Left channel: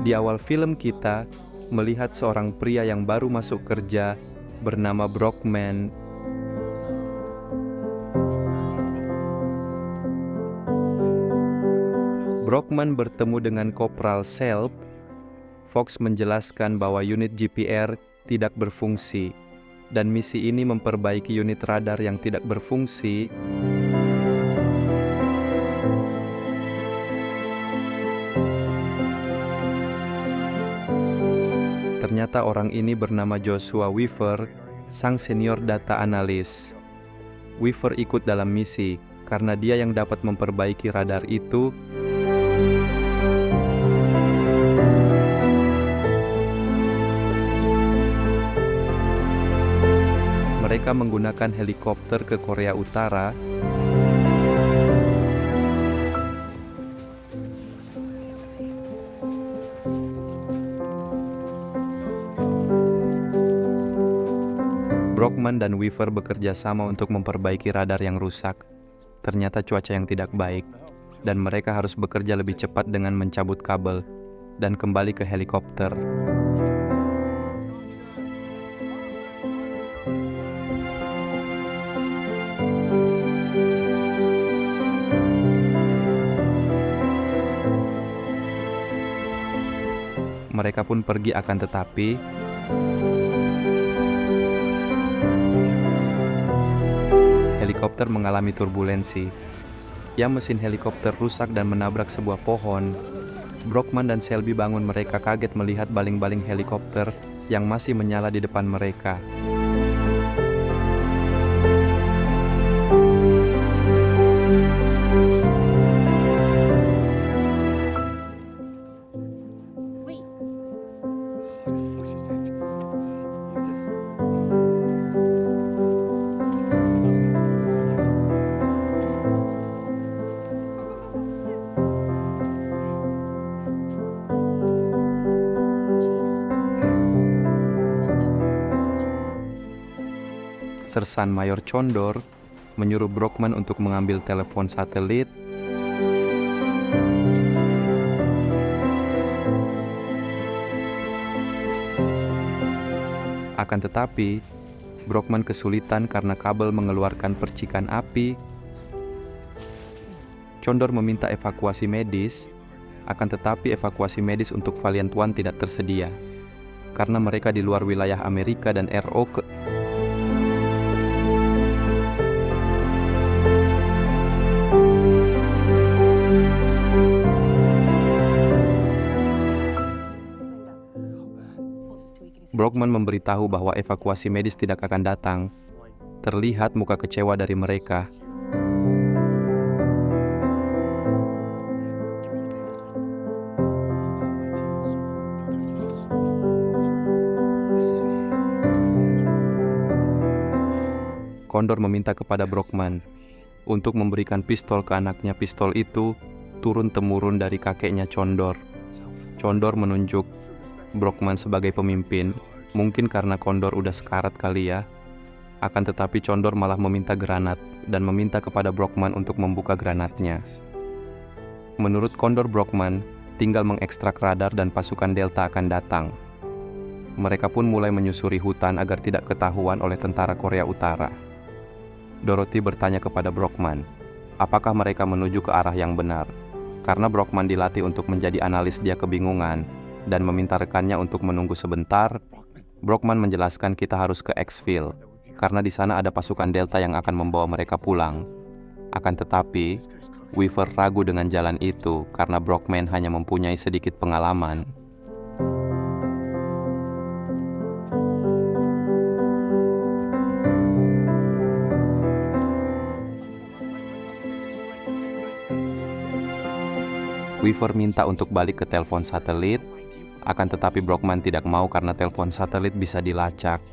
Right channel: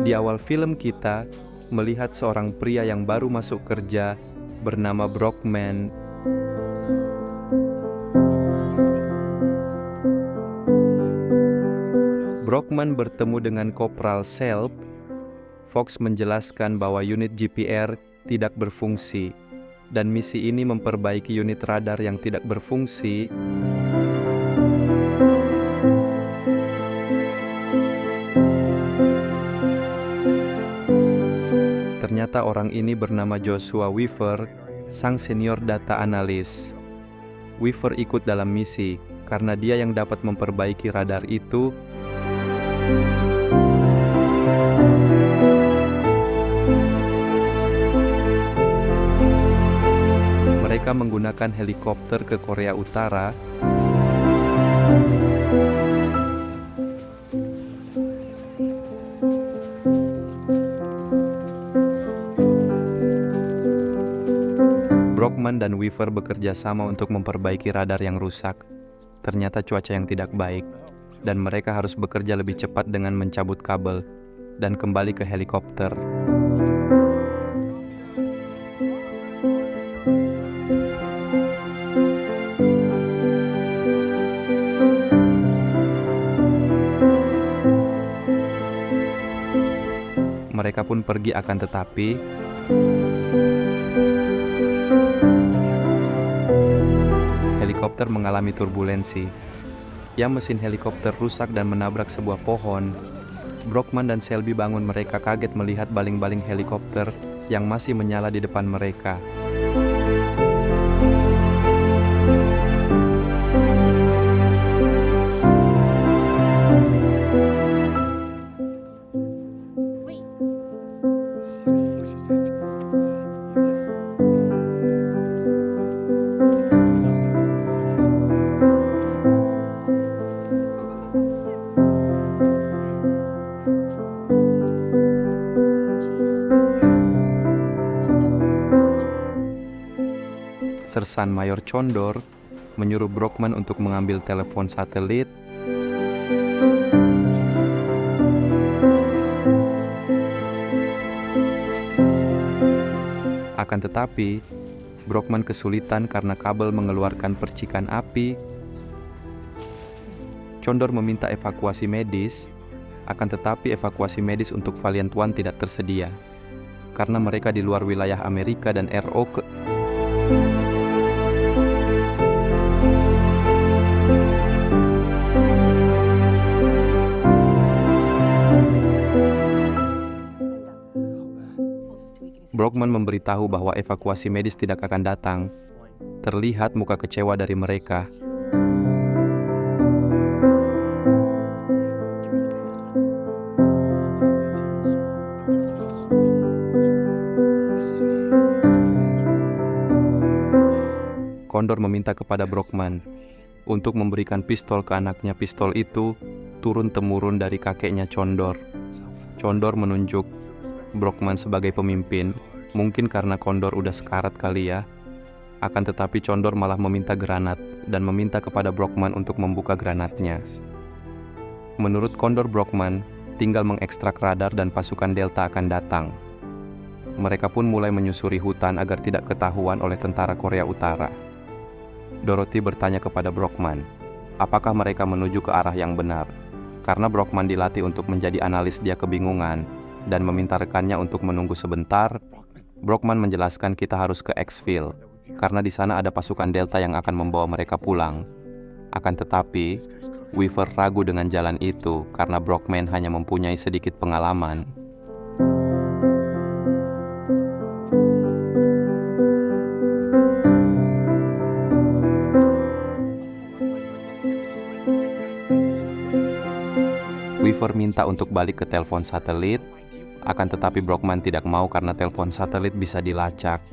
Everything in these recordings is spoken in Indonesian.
Di awal film kita melihat seorang pria yang baru masuk kerja bernama Brockman. Brockman bertemu dengan Kopral Selb. Fox menjelaskan bahwa unit GPR tidak berfungsi, dan misi ini memperbaiki unit radar yang tidak berfungsi. Ternyata orang ini bernama Joshua Weaver, sang senior data analis. Weaver ikut dalam misi karena dia yang dapat memperbaiki radar itu. Mereka menggunakan helikopter ke Korea Utara. Brockman dan Weaver bekerja sama untuk memperbaiki radar yang rusak. Ternyata cuaca yang tidak baik, dan mereka harus bekerja lebih cepat dengan mencabut kabel dan kembali ke helikopter. Mereka pun pergi, akan tetapi helikopter mengalami turbulensi. Mesin helikopter rusak dan menabrak sebuah pohon. Brockman dan Selby bangun, mereka kaget melihat baling-baling helikopter yang masih menyala di depan mereka. Sersan Mayor Condor menyuruh Brockman untuk mengambil telepon satelit. Akan tetapi, Brockman kesulitan karena kabel mengeluarkan percikan api. Condor meminta evakuasi medis, akan tetapi evakuasi medis untuk Valiant One tidak tersedia karena mereka di luar wilayah Amerika dan ROK. Brockman memberitahu bahwa evakuasi medis tidak akan datang. Terlihat muka kecewa dari mereka. Condor meminta kepada Brockman untuk memberikan pistol ke anaknya. Pistol itu turun-temurun dari kakeknya Condor. Condor menunjuk Brockman sebagai pemimpin. Mungkin karena Condor udah sekarat kali ya. Akan tetapi Condor malah meminta granat dan meminta kepada Brockman untuk membuka granatnya. Menurut Condor, Brockman tinggal mengekstrak radar dan pasukan Delta akan datang. Mereka pun mulai menyusuri hutan agar tidak ketahuan oleh tentara Korea Utara. Dorothy bertanya kepada Brockman, apakah mereka menuju ke arah yang benar? Karena Brockman dilatih untuk menjadi analis, dia kebingungan dan meminta rekannya untuk menunggu sebentar. Brockman menjelaskan kita harus ke Exville, karena di sana ada pasukan Delta yang akan membawa mereka pulang. Akan tetapi, Weaver ragu dengan jalan itu karena Brockman hanya mempunyai sedikit pengalaman. Weaver minta untuk balik ke telepon satelit. Akan tetapi Brockman tidak mau karena telepon satelit bisa dilacak.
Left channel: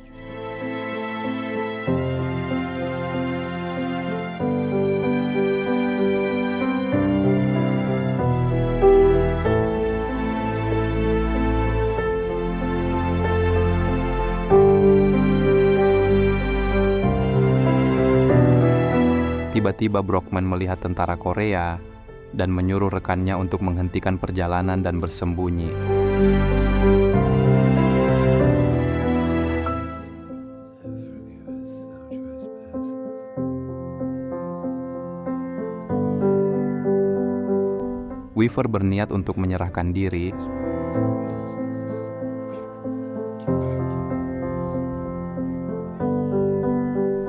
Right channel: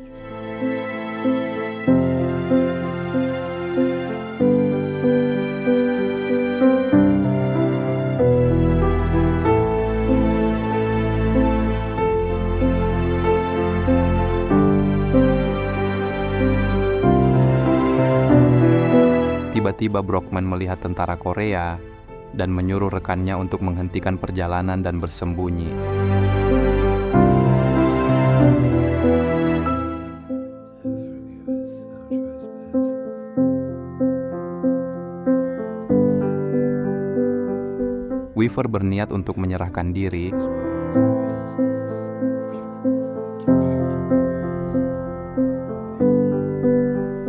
Tiba-tiba Brockman melihat tentara Korea dan menyuruh rekannya untuk menghentikan perjalanan dan bersembunyi. Weaver berniat untuk menyerahkan diri,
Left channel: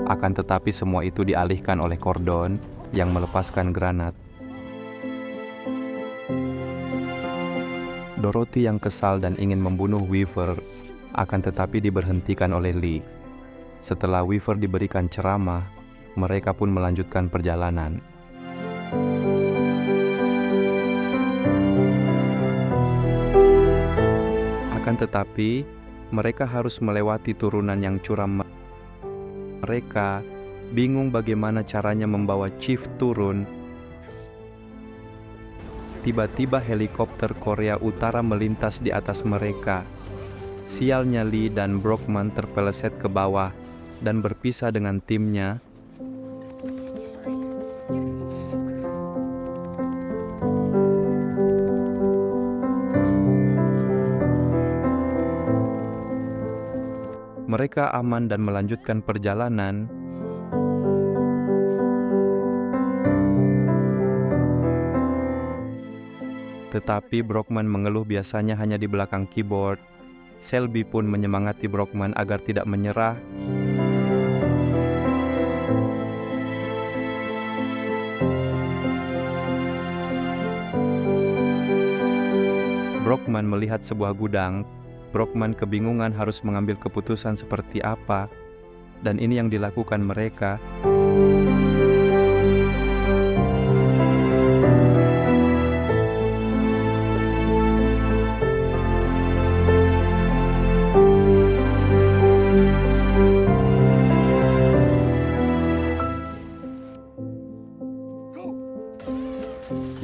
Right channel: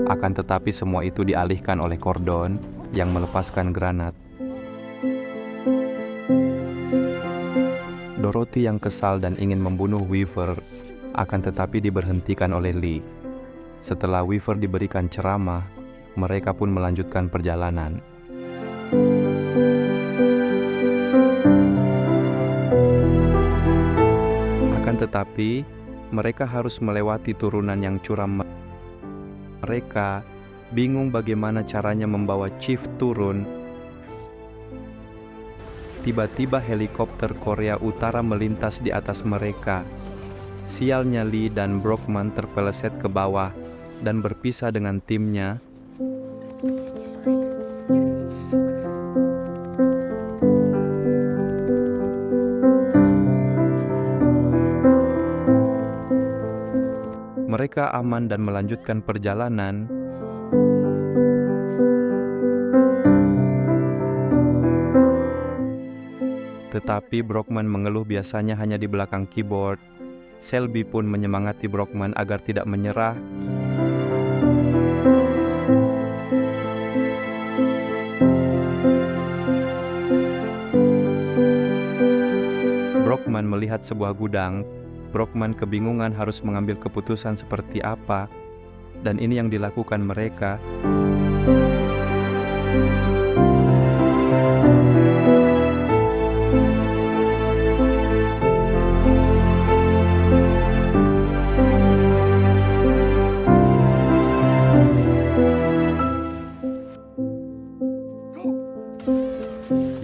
akan tetapi semua itu dialihkan oleh Cordon yang melepaskan granat. Dorothy yang kesal dan ingin membunuh Weaver akan tetapi diberhentikan oleh Lee. Setelah Weaver diberikan ceramah, mereka pun melanjutkan perjalanan. Akan tetapi, mereka harus melewati turunan yang curam. Mereka bingung bagaimana caranya membawa Chief turun. Tiba-tiba helikopter Korea Utara melintas di atas mereka. Sialnya Lee dan Brockman terpeleset ke bawah dan berpisah dengan timnya. Mereka aman dan melanjutkan perjalanan. Tetapi Brockman mengeluh biasanya hanya di belakang keyboard. Selby pun menyemangati Brockman agar tidak menyerah. Brockman melihat sebuah gudang. Brockman kebingungan harus mengambil keputusan seperti apa, dan ini yang dilakukan mereka.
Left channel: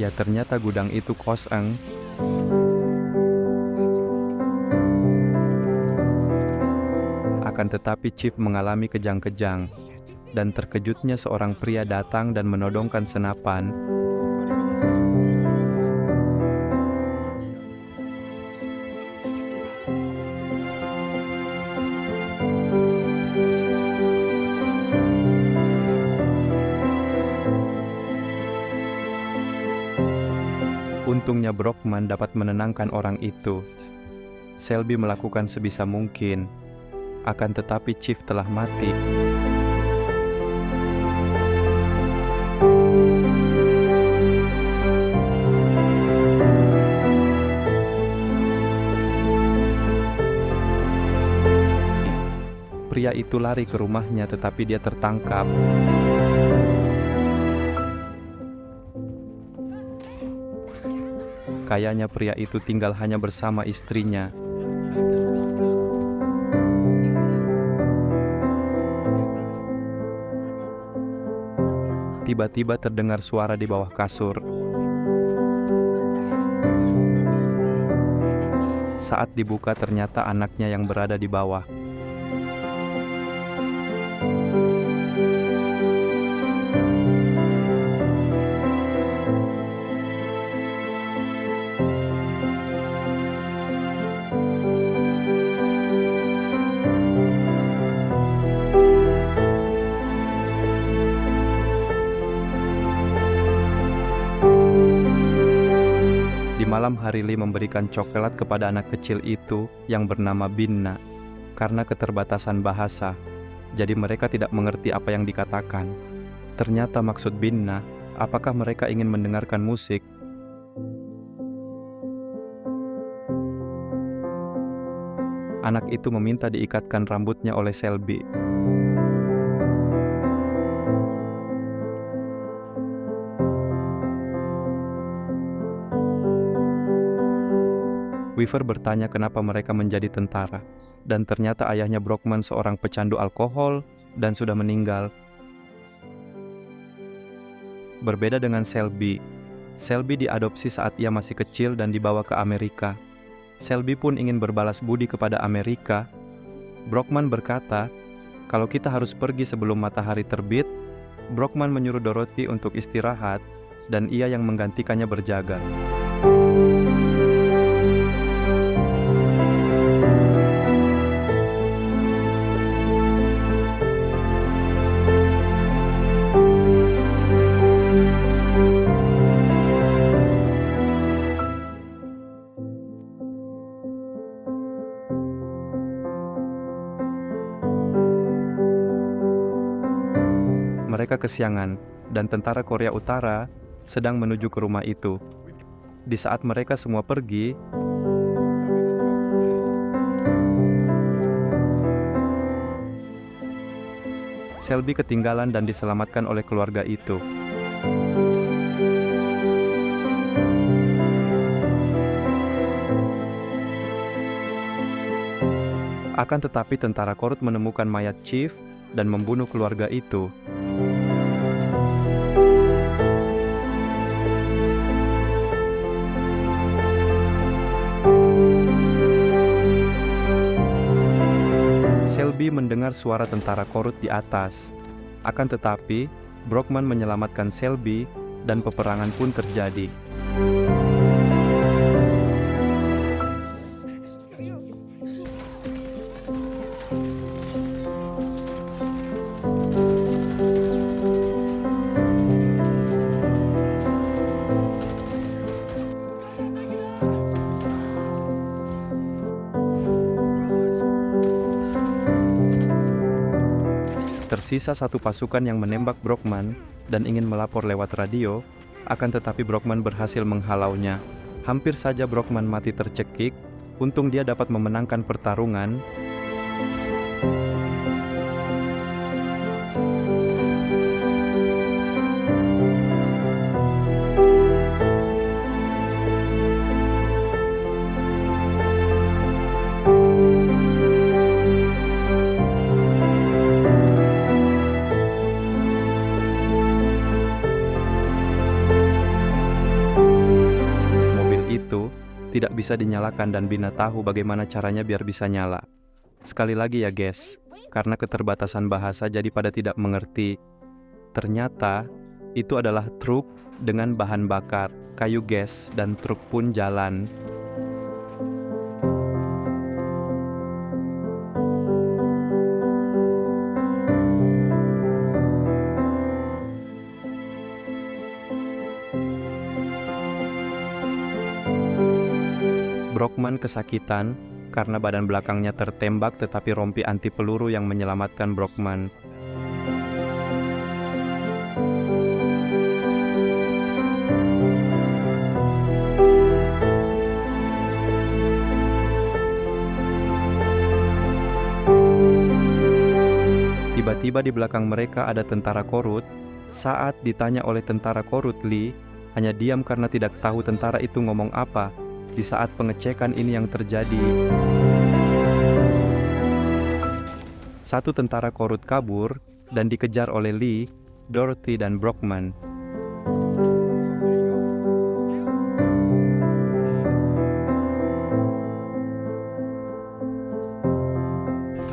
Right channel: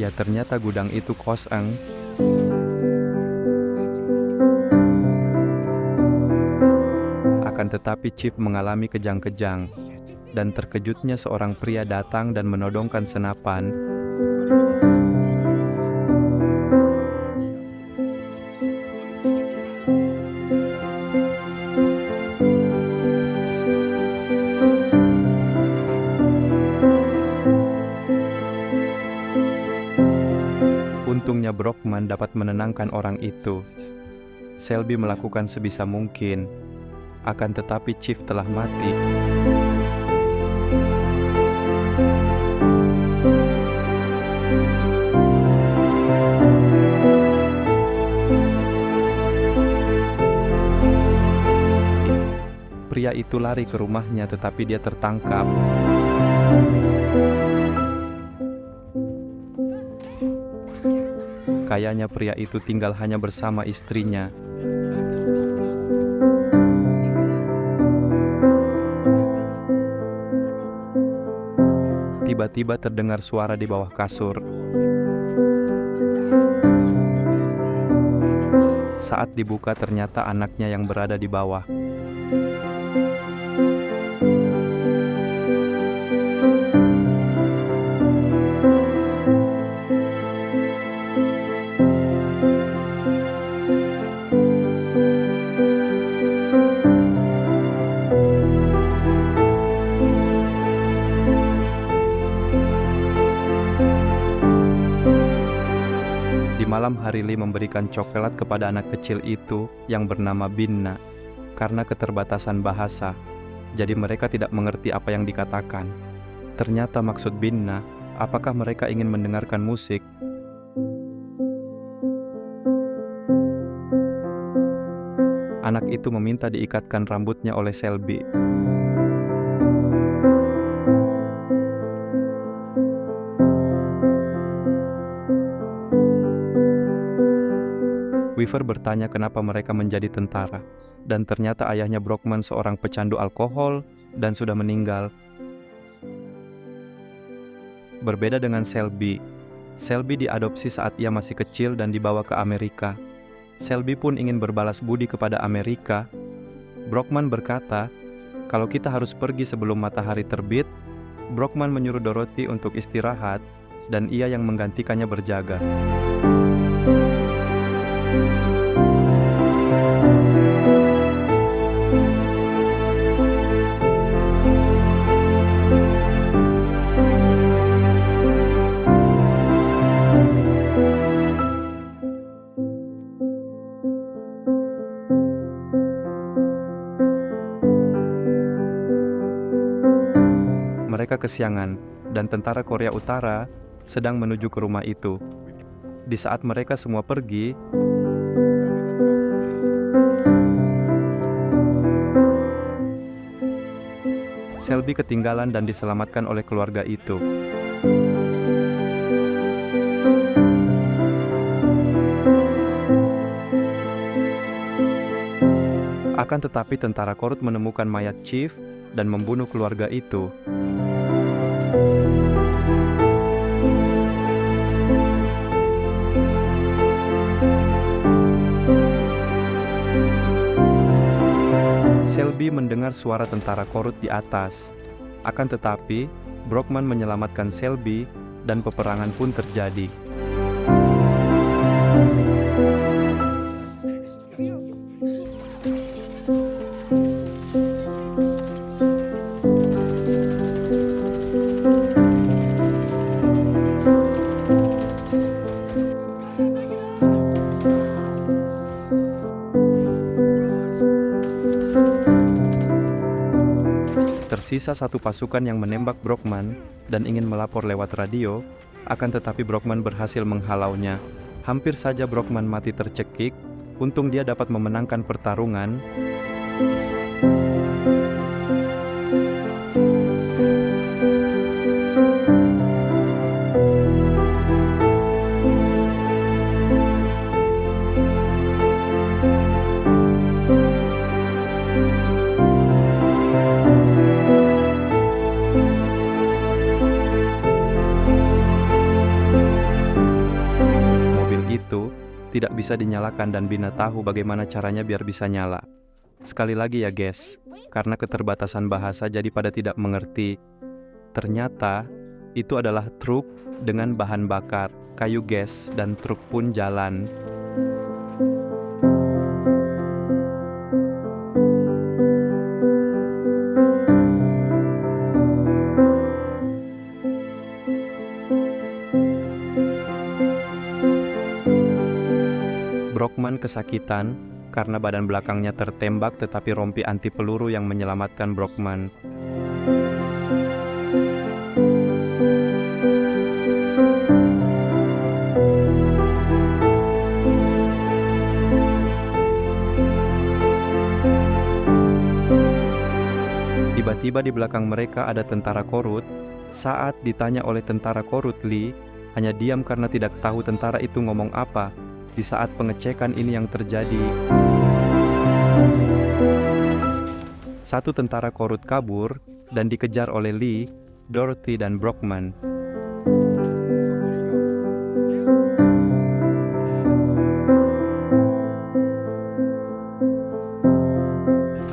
Ya, ternyata gudang itu kosong. Akan tetapi Chief mengalami kejang-kejang, dan terkejutnya seorang pria datang dan menodongkan senapan. Untungnya Brockman dapat menenangkan orang itu. Selby melakukan sebisa mungkin. Akan tetapi Chief telah mati. Pria itu lari ke rumahnya tetapi dia tertangkap. Kayaknya pria itu tinggal hanya bersama istrinya. Tiba-tiba terdengar suara di bawah kasur. Saat dibuka ternyata anaknya yang berada di bawah. Di malam hari Lee memberikan coklat kepada anak kecil itu yang bernama Binna. Karena keterbatasan bahasa, jadi mereka tidak mengerti apa yang dikatakan. Ternyata maksud Binna, apakah mereka ingin mendengarkan musik? Anak itu meminta diikatkan rambutnya oleh Selby. Weaver bertanya kenapa mereka menjadi tentara, dan ternyata ayahnya Brockman seorang pecandu alkohol dan sudah meninggal. Berbeda dengan Selby, Selby diadopsi saat ia masih kecil dan dibawa ke Amerika. Selby pun ingin berbalas budi kepada Amerika. Brockman berkata, kalau kita harus pergi sebelum matahari terbit, Brockman menyuruh Dorothy untuk istirahat, dan ia yang menggantikannya berjaga. Mereka kesiangan, dan tentara Korea Utara sedang menuju ke rumah itu. Di saat mereka semua pergi, Selby ketinggalan dan diselamatkan oleh keluarga itu. Akan tetapi tentara Korut menemukan mayat Chief dan membunuh keluarga itu. Selby mendengar suara tentara Korut di atas. Akan tetapi, Brockman menyelamatkan Selby dan peperangan pun terjadi. Tersisa satu pasukan yang menembak Brockman dan ingin melapor lewat radio, akan tetapi Brockman berhasil menghalaunya. Hampir saja Brockman mati tercekik, untung dia dapat memenangkan pertarungan. Itu tidak bisa dinyalakan dan Bina tahu bagaimana caranya biar bisa nyala. Sekali lagi ya guys, karena keterbatasan bahasa jadi pada tidak mengerti. Ternyata itu adalah truk dengan bahan bakar, kayu gas, dan truk pun jalan. Brockman kesakitan karena badan belakangnya tertembak, tetapi rompi anti peluru yang menyelamatkan Brockman. Tiba-tiba di belakang mereka ada tentara Korut. Saat ditanya oleh tentara Korut, Lee hanya diam karena tidak tahu tentara itu ngomong apa. Di saat pengecekan ini yang terjadi, satu tentara Korut kabur dan dikejar oleh Lee, Dorothy, dan Brockman.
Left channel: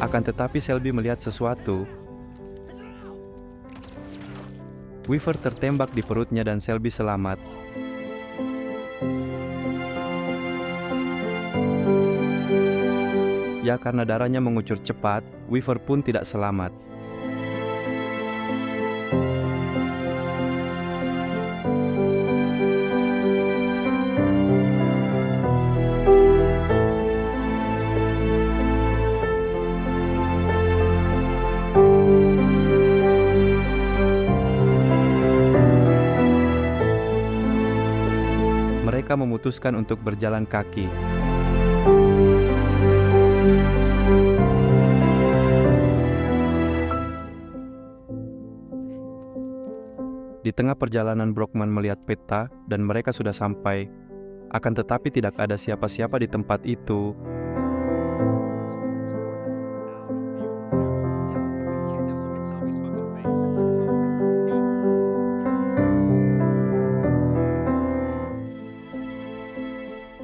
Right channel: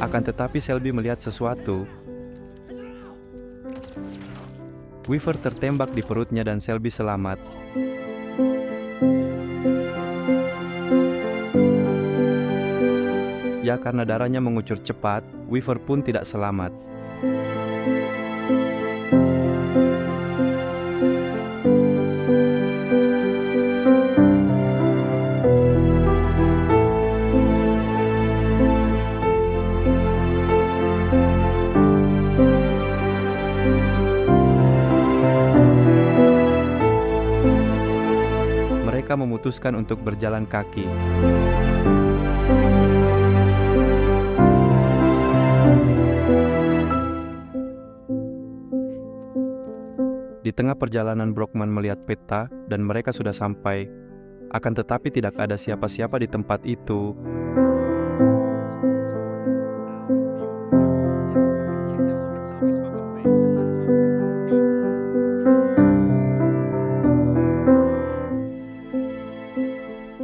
Akan tetapi Selby melihat sesuatu. Weaver tertembak di perutnya dan Selby selamat. Ya, karena darahnya mengucur cepat, Weaver pun tidak selamat. Mereka memutuskan untuk berjalan kaki. Di tengah perjalanan Brockman melihat peta dan mereka sudah sampai. Akan tetapi tidak ada siapa-siapa di tempat itu.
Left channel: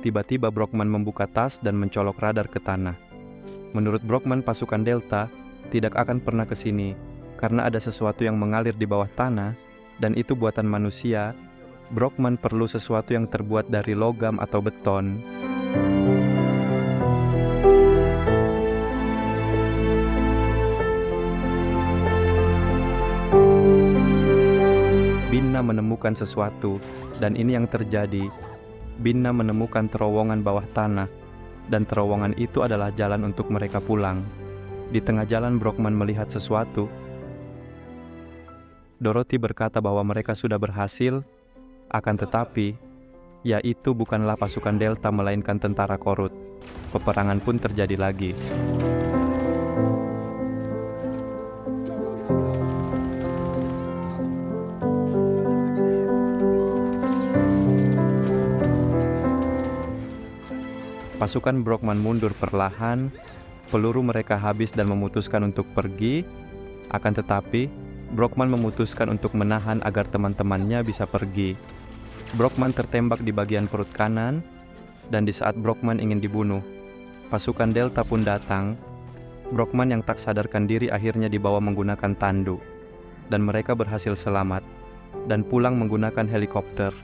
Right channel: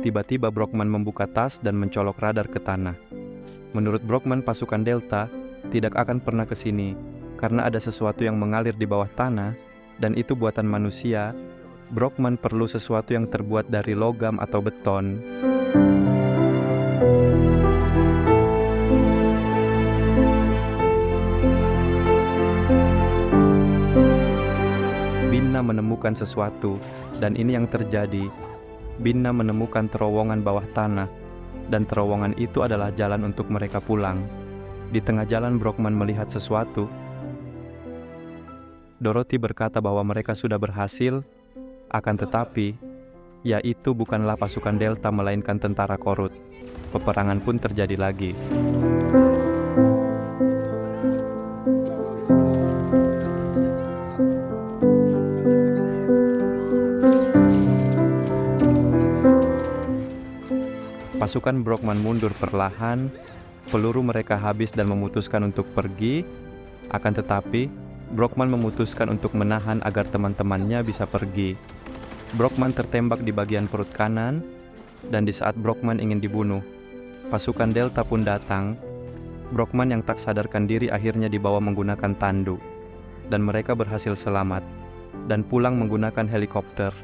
Tiba-tiba Brockman membuka tas dan mencolok radar ke tanah. Menurut Brockman, pasukan Delta tidak akan pernah ke sini karena ada sesuatu yang mengalir di bawah tanah. Dan itu buatan manusia. Brockman perlu sesuatu yang terbuat dari logam atau beton. Bina menemukan sesuatu, dan ini yang terjadi. Bina menemukan terowongan bawah tanah, dan terowongan itu adalah jalan untuk mereka pulang. Di tengah jalan Brockman melihat sesuatu. Dorothy berkata bahwa mereka sudah berhasil, akan tetapi, ya itu bukanlah pasukan Delta melainkan tentara Korut. Peperangan pun terjadi lagi. Pasukan Brockman mundur perlahan, peluru mereka habis dan memutuskan untuk pergi. Akan tetapi, Brockman memutuskan untuk menahan agar teman-temannya bisa pergi. Brockman tertembak di bagian perut kanan, dan di saat Brockman ingin dibunuh, pasukan Delta pun datang. Brockman yang tak sadarkan diri akhirnya dibawa menggunakan tandu, dan mereka berhasil selamat dan pulang menggunakan helikopter.